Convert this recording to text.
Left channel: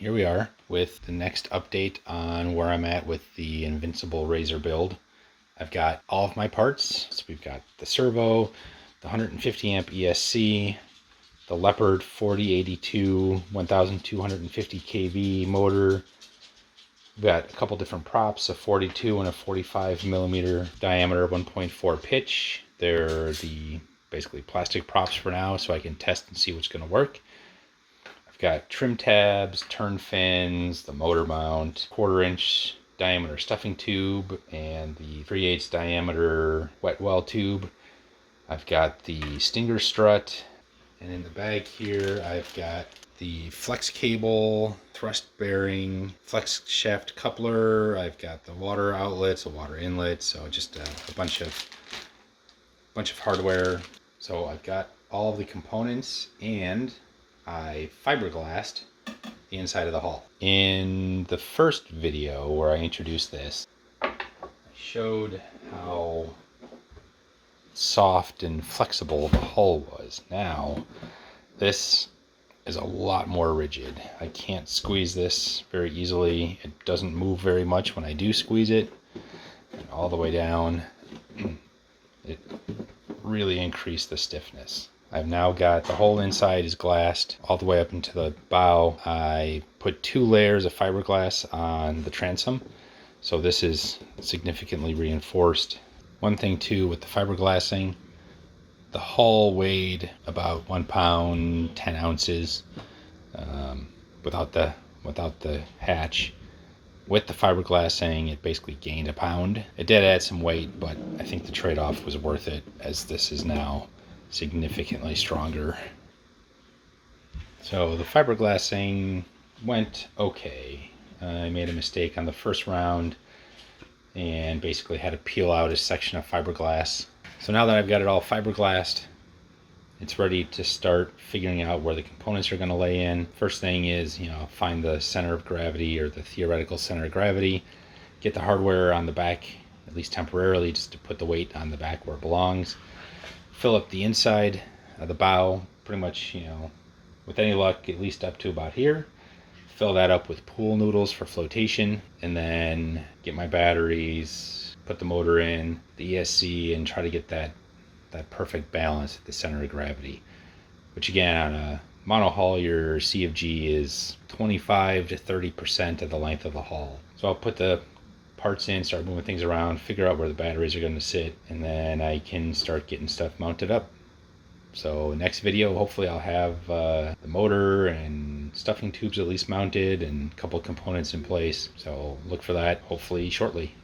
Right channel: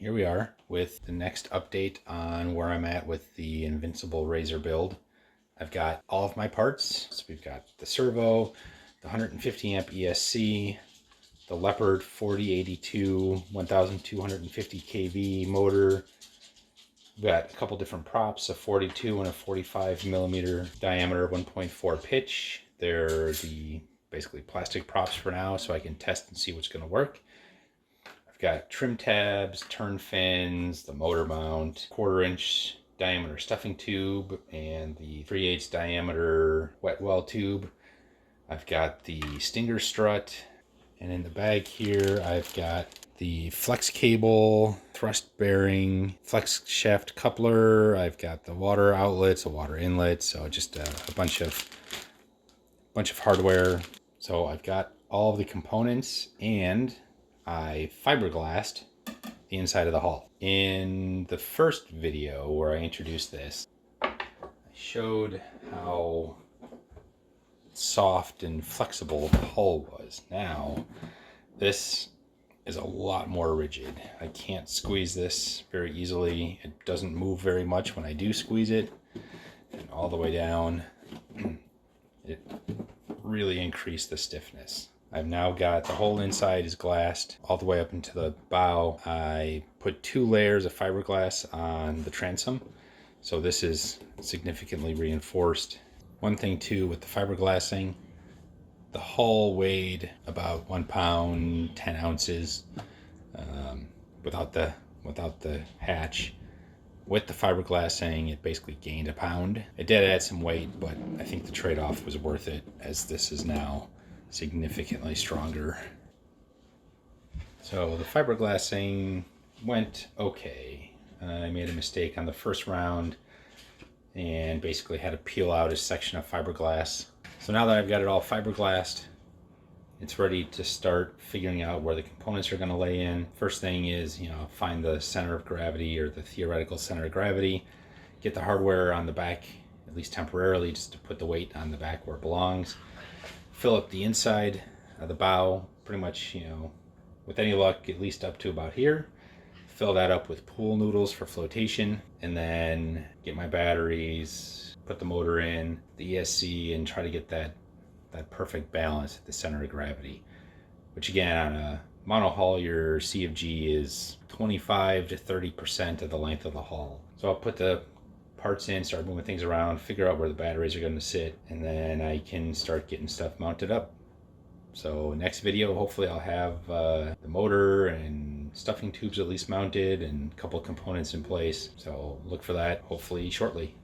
here we are with the next update on where I'm at with the Invincible Razor build. I've got all of my parts. So we've got the servo, the 150 amp ESC, the Leopard 4082 1250 kV motor. We've got a couple different props, a 42 and a 45 millimeter diameter 1.4 pitch. They're the basically plastic props for now, so I can test and see what's going to work. Got trim tabs, turn fins, the motor mount, 1/4 inch diameter stuffing tube, and the 3/8 diameter wet well tube. I've got the stinger strut, and in the bag here I've got the flex cable, thrust bearing, flex shaft coupler. I've got the water outlets, a water inlet, so just a bunch of hardware. So I've got all the components, and I fiberglassed the inside of the hull. In the first video where I introduced this, I showed how soft and flexible the hull was. Now, this is a lot more rigid. I can't squeeze this very easily. It doesn't move very much when I do squeeze it. And all the way down, it really increased the stiffness. I've now got the whole inside is glassed all the way up into the bow. I put 2 layers of fiberglass on the transom, so this is significantly reinforced. One thing too with the fiberglassing, the hull weighed about 1 pound 10 ounces without the hatch. With the fiberglassing, it basically gained a pound. It did add some weight, but I think the trade-off was worth it, as this is now significantly stronger. So the fiberglassing went okay. I made a mistake on the first round and basically had to peel out a section of fiberglass. So now that I've got it all fiberglassed, it's ready to start figuring out where the components are going to lay in. First thing is, find the center of gravity, or the theoretical center of gravity. Get the hardware on the back, at least temporarily, just to put the weight on the back where it belongs. Fill up the inside of the bow, pretty much, with any luck, at least up to about here. Fill that up with pool noodles for flotation, and then get my batteries, put the motor in, the ESC, and try to get that perfect balance at the center of gravity. Which again, on a monohull, your CFG is 25 to 30% of the length of the hull. So I'll put the parts in, start moving things around, figure out where the batteries are going to sit, and then I can start getting stuff mounted up. So next video, hopefully I'll have the motor and stuffing tubes at least mounted and a couple components in place. So look for that hopefully shortly.